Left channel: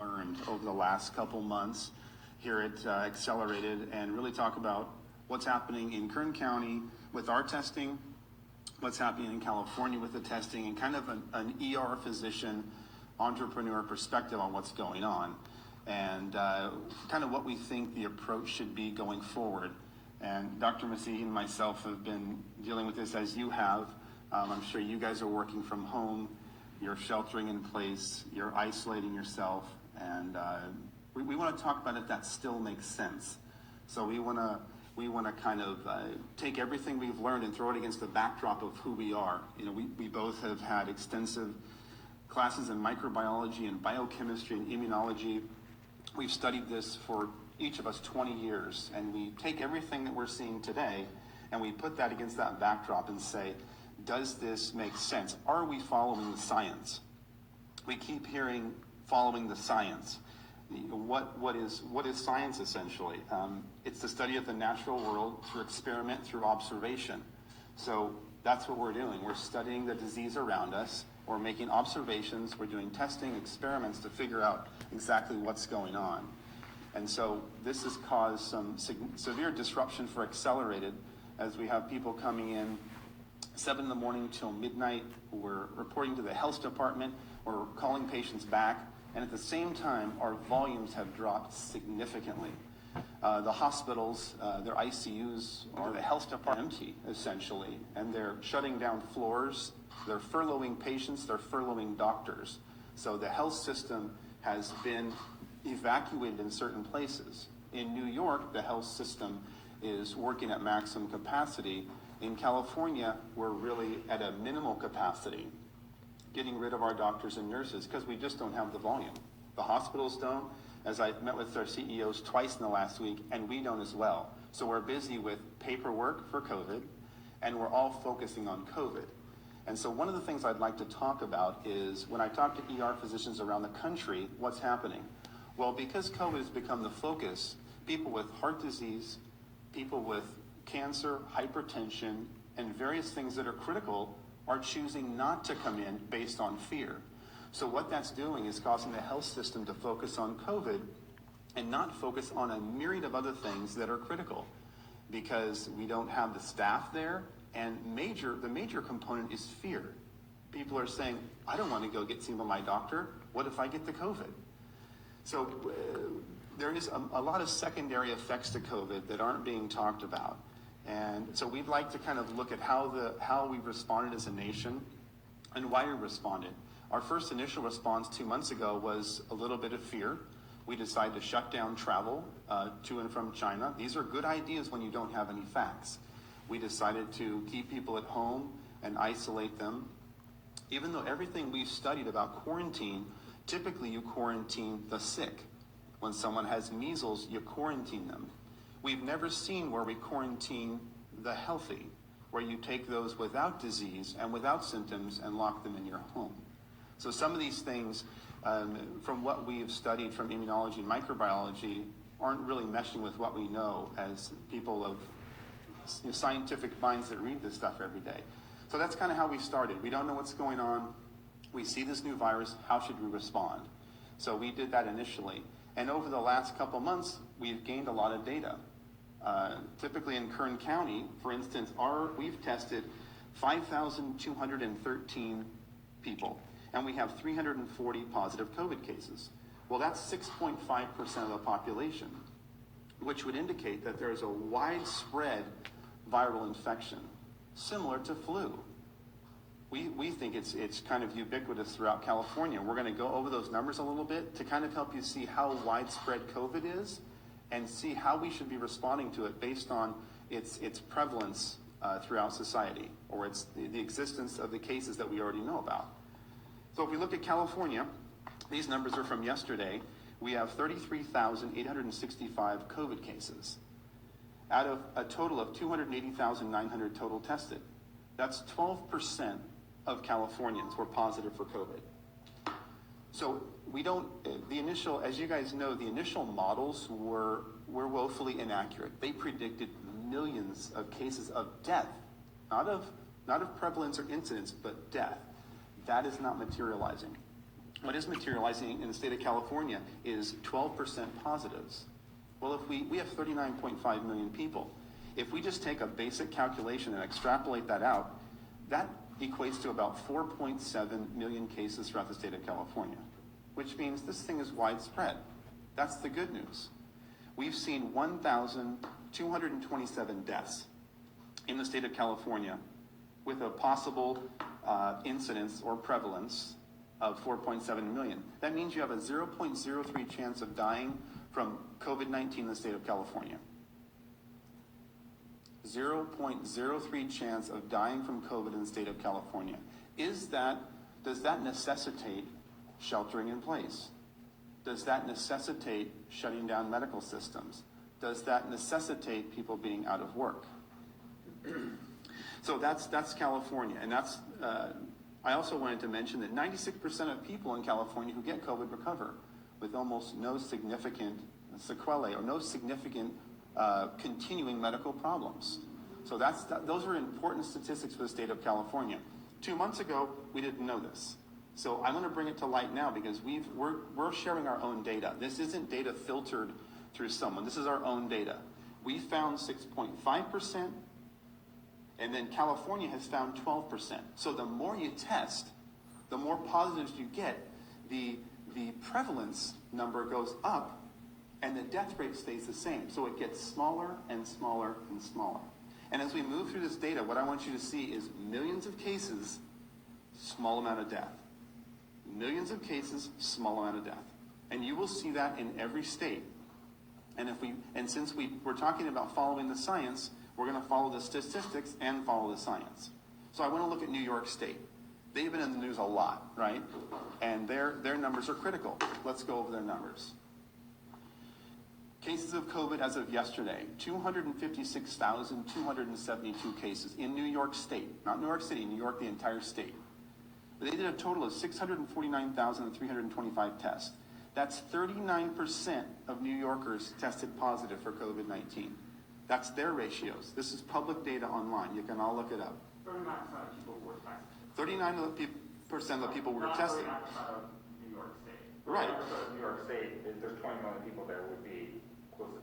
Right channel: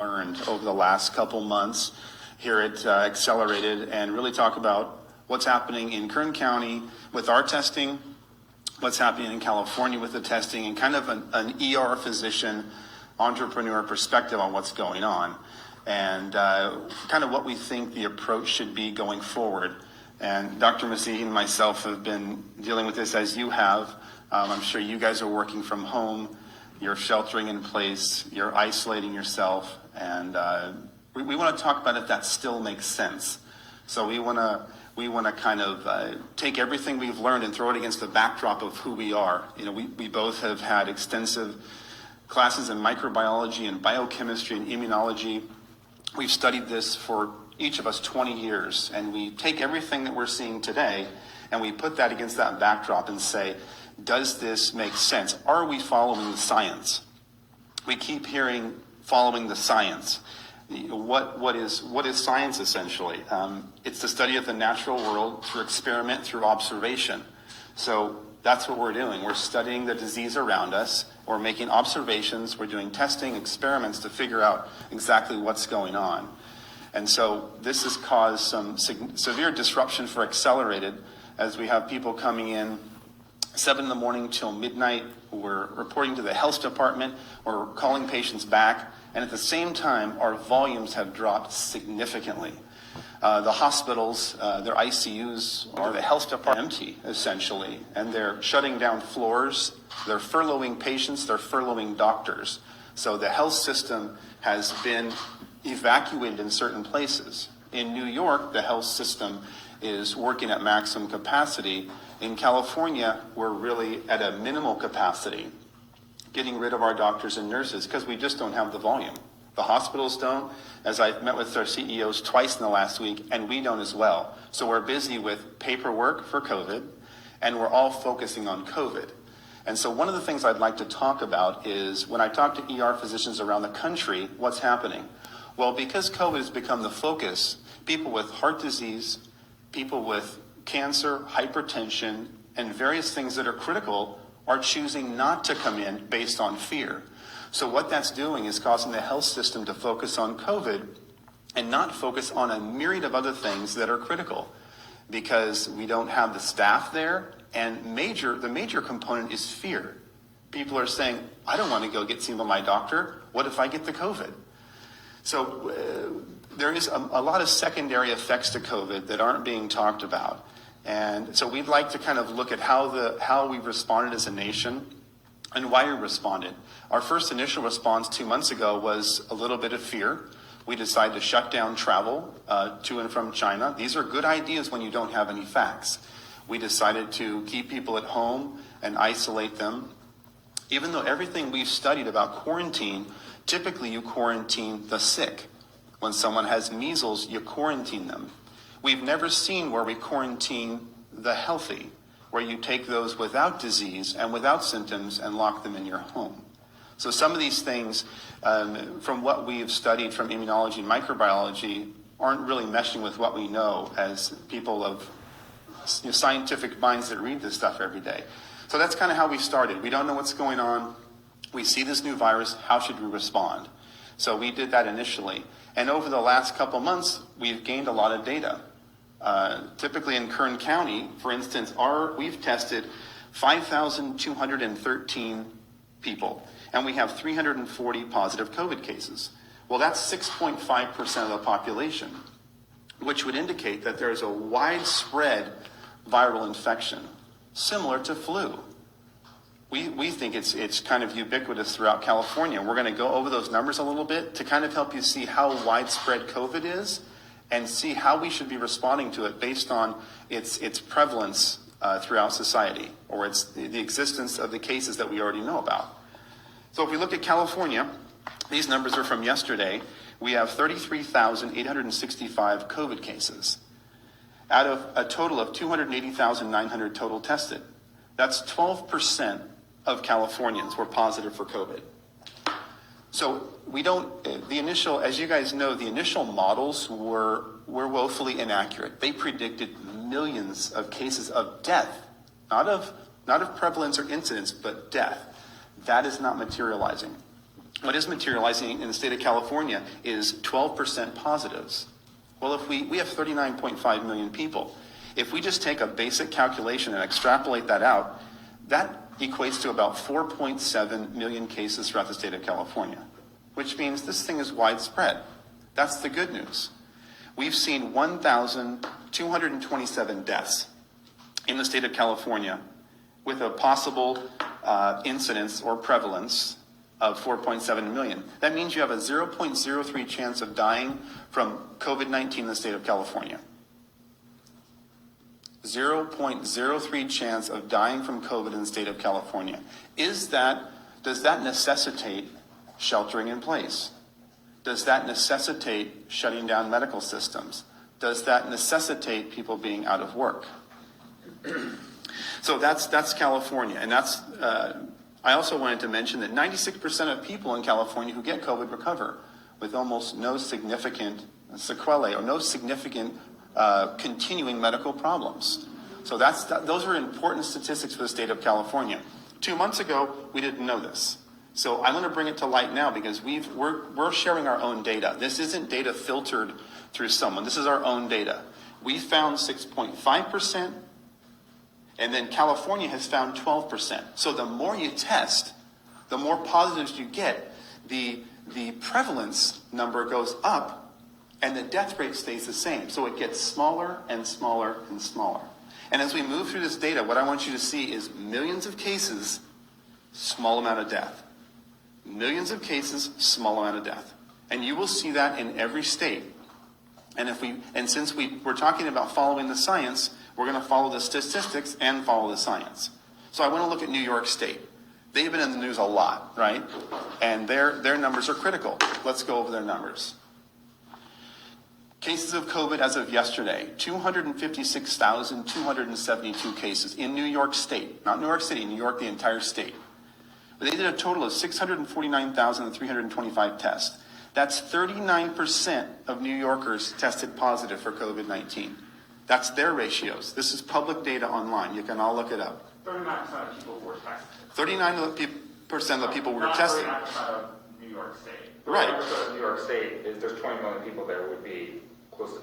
learned over the last couple months here at Accelerated, and really talk about what's happening in Kern County with our testing, what's happening in California with the testing, and kind of an ER physician entrepreneur perspective on what's going on, and kind of what we think the approach should be going forward. And Dr. Masihi and myself have been dealing with this as you have. I'm sure you guys are working from home, you're sheltering in place, you're isolating yourself, and we want to talk about if that still makes sense. So we want to kind of take everything we've learned and throw it against the backdrop of who we are. You know, we both have had extensive classes in microbiology and biochemistry and immunology. We've studied this for each of us 20 years, and we take everything that we're seeing today and we put that against that backdrop and say, does this make sense? Are we following the science? We keep hearing following the science. What is science essentially? It's the study of the natural world through experiment, through observation. So that's what we're doing. We're studying the disease around us. We're making observations. We're doing testing, experiments to figure out exactly what's going on. And so this has caused some severe disruption for Accelerated, as we have people coming in 7 in the morning till midnight. We're reporting to the health department. We're calling patients back. And at the same time, our volumes have dropped significantly. The hospitals, their ICUs, or the health department empty, essentially. And they're shutting down floors. They're furloughing patients. They're furloughing doctors. So the health system has been evacuated in certain places. In New York, the health system is working at maximum capacity. In California, we're really at a minimal capacity, getting rid of our doctors and nurses because we just don't have the volume. The hospitals don't, as I've met with our CEOs twice in the last week, and we don't as well. So we're busy with paperwork for COVID, and we're all focusing on COVID. And so one of the things I'd like to talk about is when I talk to ER physicians around the country, what's happening? Well, because COVID has become the focus, people with heart disease, people with cancer, hypertension, and various things that are critical are choosing not to come in based on fear. So what that's doing is causing the health system to focus on COVID and not focus on a myriad of other things that are critical, because we don't have the staff there, and the major component is fear. People are saying, I don't want to go get seen by my doctor. What if I get the COVID? So there is a lot of secondary effects to COVID that aren't being talked about. And so we'd like to kind of look at how we responded as a nation and why we responded. Our first initial response 2 months ago was a little bit of fear. We decided to shut down travel to and from China. These are good ideas when you don't have any facts. We decided to keep people at home and isolate them. Even though everything we've studied about quarantine, typically you quarantine the sick. When someone has measles, you quarantine them. We've never seen where we quarantine the healthy, where you take those without disease and without symptoms and lock them in your home. So some of these things, from what we've studied from immunology and microbiology, aren't really meshing with what we know as people of scientific minds that read this stuff every day. So that's kind of how we started. We don't know what's going on. We see this new virus. How should we respond? So we did that initially. And over the last couple months, we've gained a lot of data. Typically in Kern County, for instance, we've tested 5,213 people, and we have 340 positive COVID cases. Well, that's 6.5% of the population, which would indicate that there's a widespread viral infection, similar to flu. We think it's kind of ubiquitous throughout California. We're going to go over those numbers a little bit to kind of help you see how widespread COVID is and see how we should be responding to it based on its prevalence throughout society, or it's the existence of the cases that we already know about. So if we look at California, these numbers are from yesterday. We have 33,865 COVID cases out of a total of 280,900 total tested. That's 12% of Californians were positive for COVID. So as you guys know, the initial models were woefully inaccurate. They predicted millions of cases of death, not of prevalence or incidence, but death. That is not materializing. what is materializing in the state of California is 12% positives. Well, if we have 39.5 million people. If we just take a basic calculation and extrapolate that out, that equates to about 4.7 million cases throughout the state of California, which means this thing is widespread. That's the good news. We've seen 1,227 deaths in the state of California with a possible incidence or prevalence of 4.7 million. That means you have a 0.03 chance of dying from COVID-19 in the state of California. 0.03 chance of dying from COVID in the state of California. Does that necessitate sheltering in place? Does that necessitate shutting down medical systems? Does that necessitate people being out of work? So that's California, and that's. I also wanted to mention that 96% of people in California who get COVID recover with almost no significant sequelae or no significant continuing medical problems. So those are important statistics for the state of California. 2 months ago, we didn't know this. So I'm going to bring it to light now because we're sharing our own data. This isn't data filtered through someone. This is our own data. We found 6.5%, and then California has found 12%. So the more you test, the more positives you get, the prevalence number goes up, and the death rate stays the same. So it gets smaller and smaller and smaller. And as we move through this data, what I want you to see is millions of cases, small amount of death. Millions of cases, small amount of death. And you will see that in every state. And since we're talking about following the science, we're going to follow the statistics and follow the science. So I want to look at New York State. They've been in the news a lot, right? And their numbers are critical. Let's go over their numbers. Cases of COVID as of yesterday, 256,272 cases in New York State. Not New York City, New York, the entire state. But they did a total of 649,325 tests. That's 39% of New Yorkers tested positive for COVID-19. That's their ratios. This is public data online. You can all look it up. 39% of people were tested. 39% of the people were tested. 39% of New York State. Right. 39% of New York State, if there's 20 million people there, would be close to,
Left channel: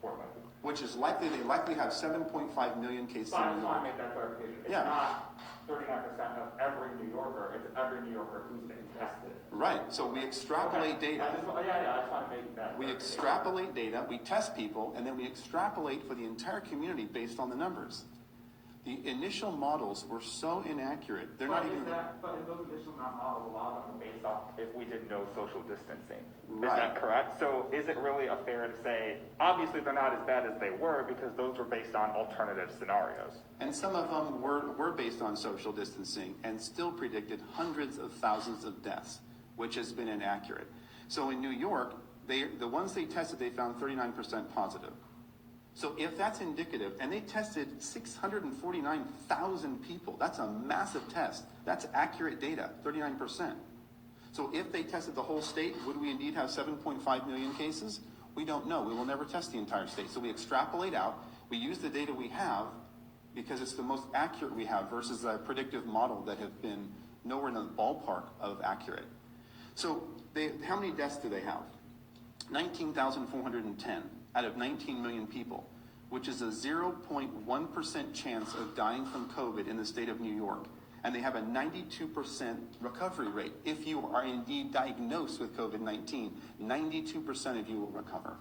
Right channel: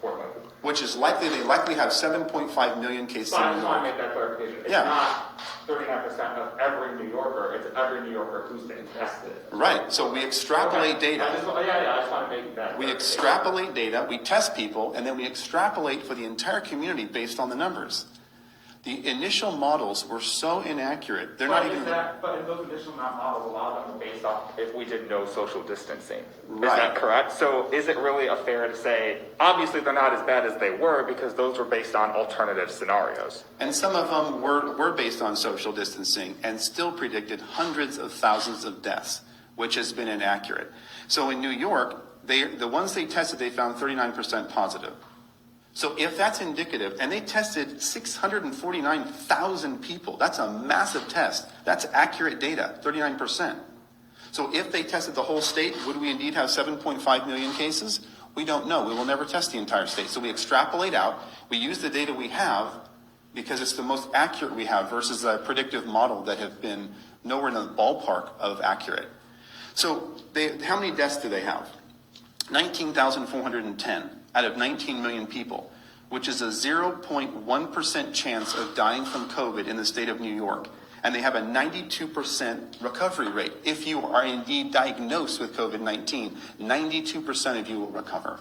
4 million. Which is likely, they likely have 7.5 million cases So I in New just want to York. make that clarification. It's Yeah. not 39% of every New Yorker, it's every New Yorker who's been tested. Right, so we extrapolate data. I just want to make that We extrapolate data, we test people, and then we extrapolate for the entire community based on the numbers. The initial models were so inaccurate, they're not even... But in those initial models, a lot of them were based off if we did no social distancing. Right. Is that correct? So is it really fair to say, obviously they're not as bad as they were because those were based on alternative scenarios? And some of them were based on social distancing and still predicted hundreds of thousands of deaths, which has been inaccurate. So in New York, the ones they tested, they found 39% positive. So if that's indicative, and they tested 649,000 people, that's a massive test. That's accurate data, 39%. So if they tested the whole state, would we indeed have 7.5 million cases? We don't know. We will never test the entire state. So we extrapolate out. We use the data we have because it's the most accurate we have versus a predictive model that have been nowhere in the ballpark of accurate. So how many deaths do they have? 19,410 out of 19 million people, which is a 0.1% chance of dying from COVID in the state of New York. And they have a 92% recovery rate. If you are indeed diagnosed with COVID-19, 92% of you will recover.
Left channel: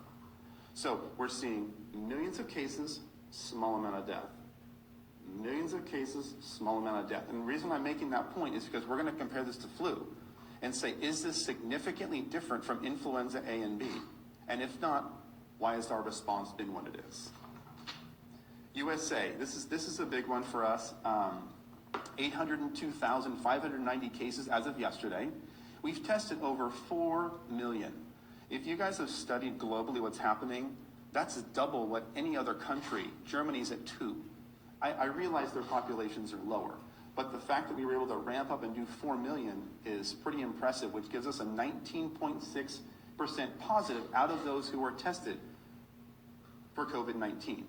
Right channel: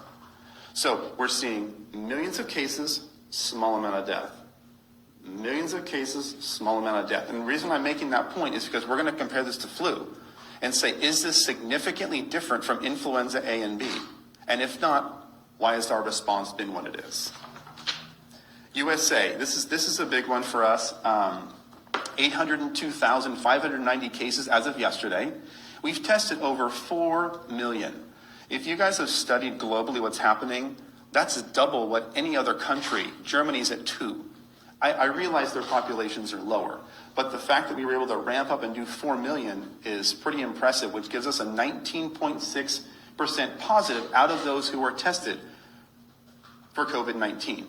So we're seeing millions of cases, small amount of death. Millions of cases, small amount of death. And the reason I'm making that point is because we're going to compare this to flu and say, is this significantly different from influenza A and B? And if not, why has our response been what it is? USA, this is a big one for us. 802,590 cases as of yesterday. We've tested over 4 million. If you guys have studied globally what's happening, that's double what any other country. Germany's at 2. I realize their populations are lower, but the fact that we were able to ramp up and do 4 million is pretty impressive, which gives us a 19.6% positive out of those who were tested for COVID-19.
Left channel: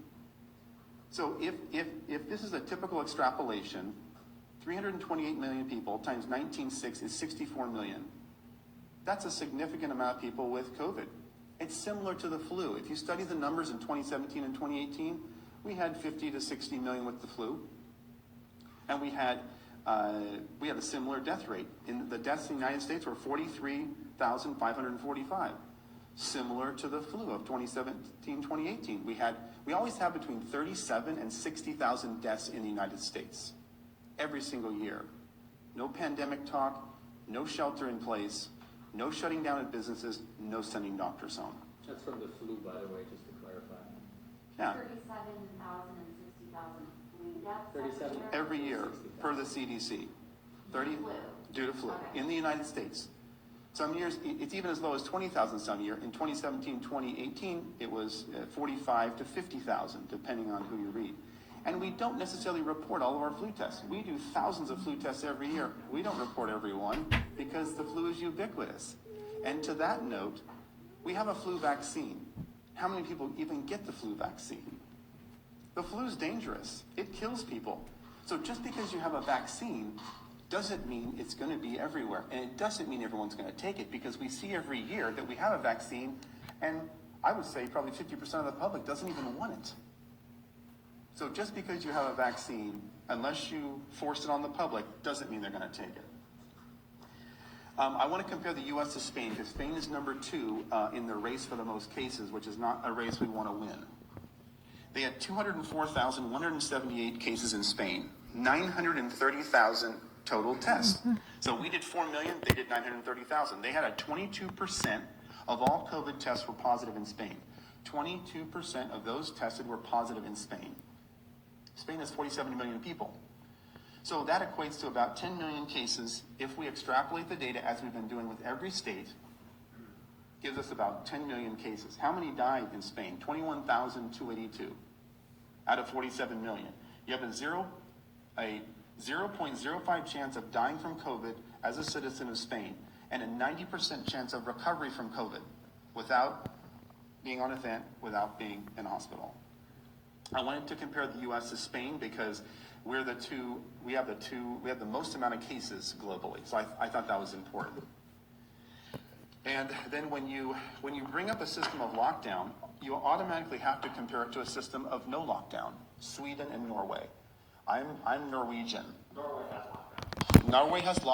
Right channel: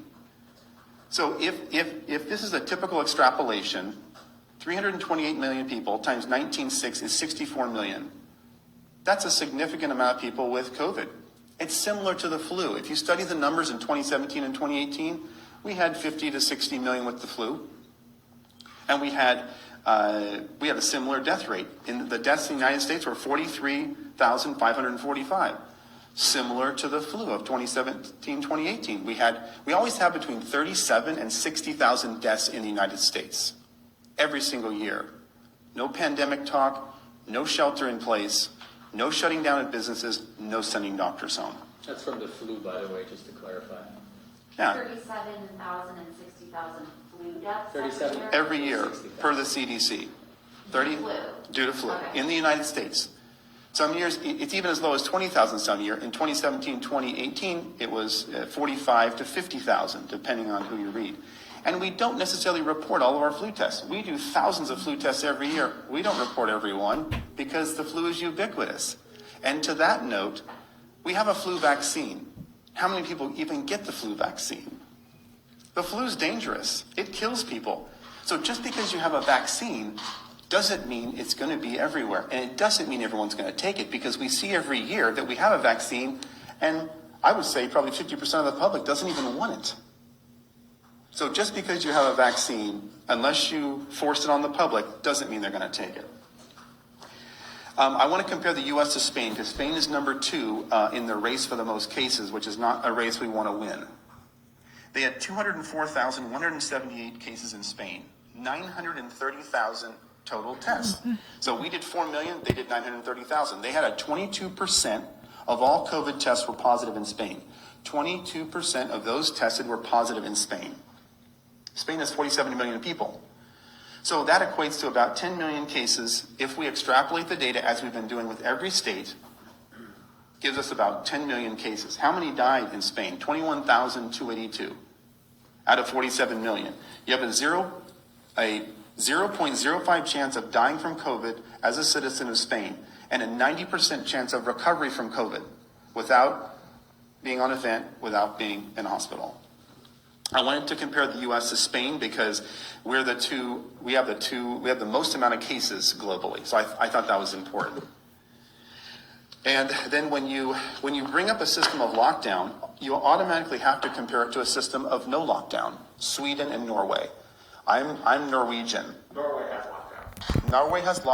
So if this is a typical extrapolation, 328 million people times 19.6 is 64 million. That's a significant amount of people with COVID. It's similar to the flu. If you study the numbers in 2017 and 2018, we had 50 to 60 million with the flu. And we had a similar death rate. The deaths in the United States were 43,545, similar to the flu of 2017, 2018. We always have between 37 and 60,000 deaths in the United States every single year. No pandemic talk, no shelter in place, no shutting down of businesses, no sending doctors home. That's from the flu, by the way, just to clarify. Yeah, 37,000 and 60,000 flu deaths 37 every year per the CDC. 30 Flu. due to flu Okay. in the United States. Some years, it's even as low as 20,000 some year. In 2017, 2018, it was 45 to 50,000, depending on who you read. And we don't necessarily report all of our flu tests. We do thousands of flu tests every year. We don't report every one because the flu is ubiquitous. And to that note, we have a flu vaccine. How many people even get the flu vaccine? The flu is dangerous. It kills people. So just because you have a vaccine doesn't mean it's going to be everywhere. And it doesn't mean everyone's going to take it, because we see every year that we have a vaccine, and I would say probably 50% of the public doesn't even want it. So just because you have a vaccine, unless you force it on the public, doesn't mean they're going to take it. I want to compare the U.S. to Spain, because Spain is number 2 in the race for the most cases, which is not a race we want to win. They had 204,178 cases in Spain, 930,000 total tests. So we did 4 million, they did 930,000. They had a 22% of all COVID tests were positive in Spain. 22% of those tested were positive in Spain. Spain has 47 million people. So that equates to about 10 million cases. If we extrapolate the data as we've been doing with every state, gives us about 10 million cases. How many died in Spain? 21,282 out of 47 million. You have a 0.05 chance of dying from COVID as a citizen of Spain, and a 90% chance of recovery from COVID without being on a vent, without being in hospital. I wanted to compare the U.S. to Spain because we have the most amount of cases globally. So I thought that was important. And then when you bring up a system of lockdown, you automatically have to compare it to a system of no lockdown. Sweden and Norway. I'm Norwegian. Norway has lockdown. Norway has lockdown.